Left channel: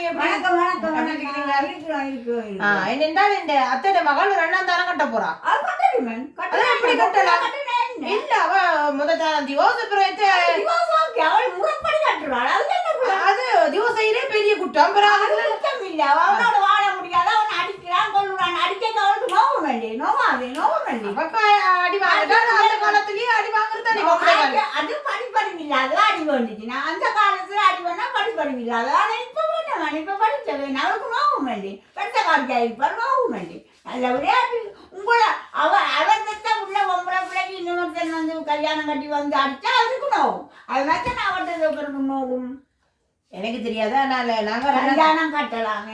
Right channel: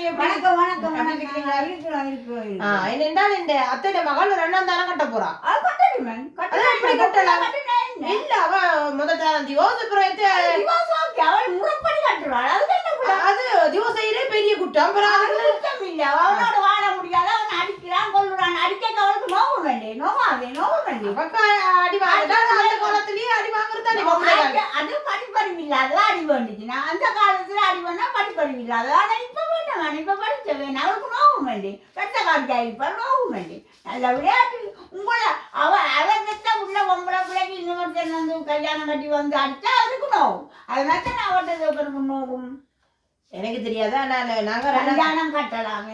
Aunty வணக்கம் வணக்கம் வணக்கம். என்னென்றால் இந்த அத்தை மகள் ரெண்டாம் தானே கட்ட போறா. அது கட்டணுமே. அதான் எப்படி கட்டலாம்? இல்ல அவ முதல் திவோஸ் அவள் முறைப்படி கட்டுறாள். அது திவோஸ் செய்யறே பெரிய குற்றம். குற்றம் இல்ல. அவனோட வாழ முடியாத அவன் அடிக்கிறான் கொள்ளுறான். அடிக்க அவளுக்கு நோவம் வேண்டி நோவம் வேண்டி அடி வாங்கிட்டா அந்த காலத்திலயே அடி வாங்குறது அது படிப்பறிவு இல்லாத அடி வேண்டிச்சு. நான் அந்த காலத்துல அடி வேணா படிப்பறிவு இல்லாத. ஆனா இப்ப வேண்டாம். இப்ப படிச்ச வேணும். அவளுக்கு நோவம் வேண்டி பெற்ற காலத்தா இருப்பார் நோவம் வேண்டி நல்ல விளையாட்டு உங்களை அவன் உள்ள ஒம்பளை பிள்ளைக்கு இன்னொருத்தன் வந்து கல்யாணம் கட்டி வந்து அடிச்சா அதுக்கு நோவும். அது மாதிரி நான் அவர்கிட்ட நோவும் எனக்கு தெரியாதா. நாங்க கல்யாணம் கட்டலாம்.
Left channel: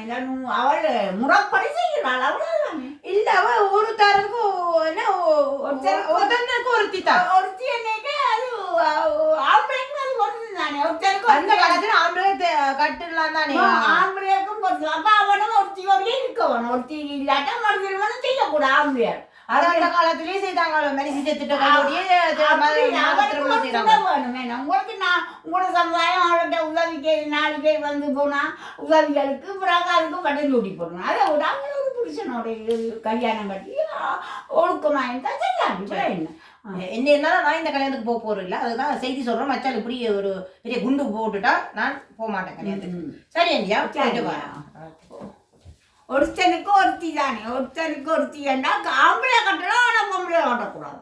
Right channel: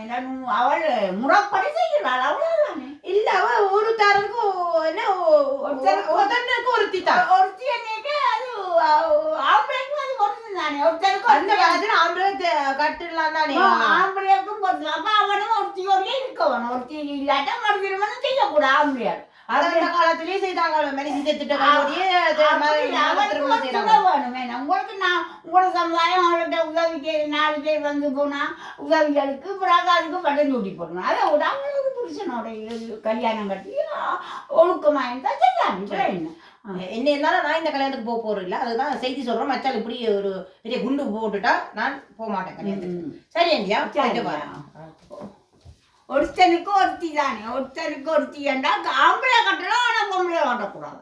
அவள் முறைப்படி செய்கிறாள். அவ்வளவுதானே. இல்ல அவ ஒரு தாருக்கும் என்ன ஒருத்தனுக்கு ஒருத்தி தான். ஒருத்தி என்னைக்கு அது ஆம்பளைக்கும் அது ஒருத்தி தானே. ஒருத்தருக்கு அந்த காலத்துல ஆம்பளை கட்டுலாம் தானே. ஆம்பளைக்கும் பொறுத்து. அப்ப அவனும் ஒருத்தியோடய இருக்கவனும். ஒருத்தி இல்லாட்டா மறுதிருமணம் செய்யக்கூடாது ஆம்பளையார். அது அந்த காலத்திலேயே செய்தாங்க. மனுஷி செத்துட்ட உங்களுக்கு நான் உங்களோட சமுதாயம் அவள்கிட்ட உதவிக்கு 4 பேர் வந்து போனா உதவிகளுக்கு பிறகு அதுக்கு பட்டம் சூட்டி போடணும். அதை விட அவங்களோட புருஷனோட கல்யாணம் கட்டி ஒழுக்கமாக இருந்தால் செய்யலாம். என்ன இருந்தாலும் நான் இந்த கல்யாணத்துக்கு போக போறேன் இல்லை. அதுதான் செய்தி சொல்றேன். மச்சால் இப்படி ஒரு பெரிய குண்டு போட்டுட்டா நான் போக மாட்டேன் கல்யாணத்துக்கு. சரி இந்தியா ஒருத்தனுக்கு ஒருத்தி தானே. ஒருத்தனுக்கு ஒருத்தி ஏண்டா ஆம்பளை கட்டணும். ஆனால் பொம்பளை கட்டக்கூடாது.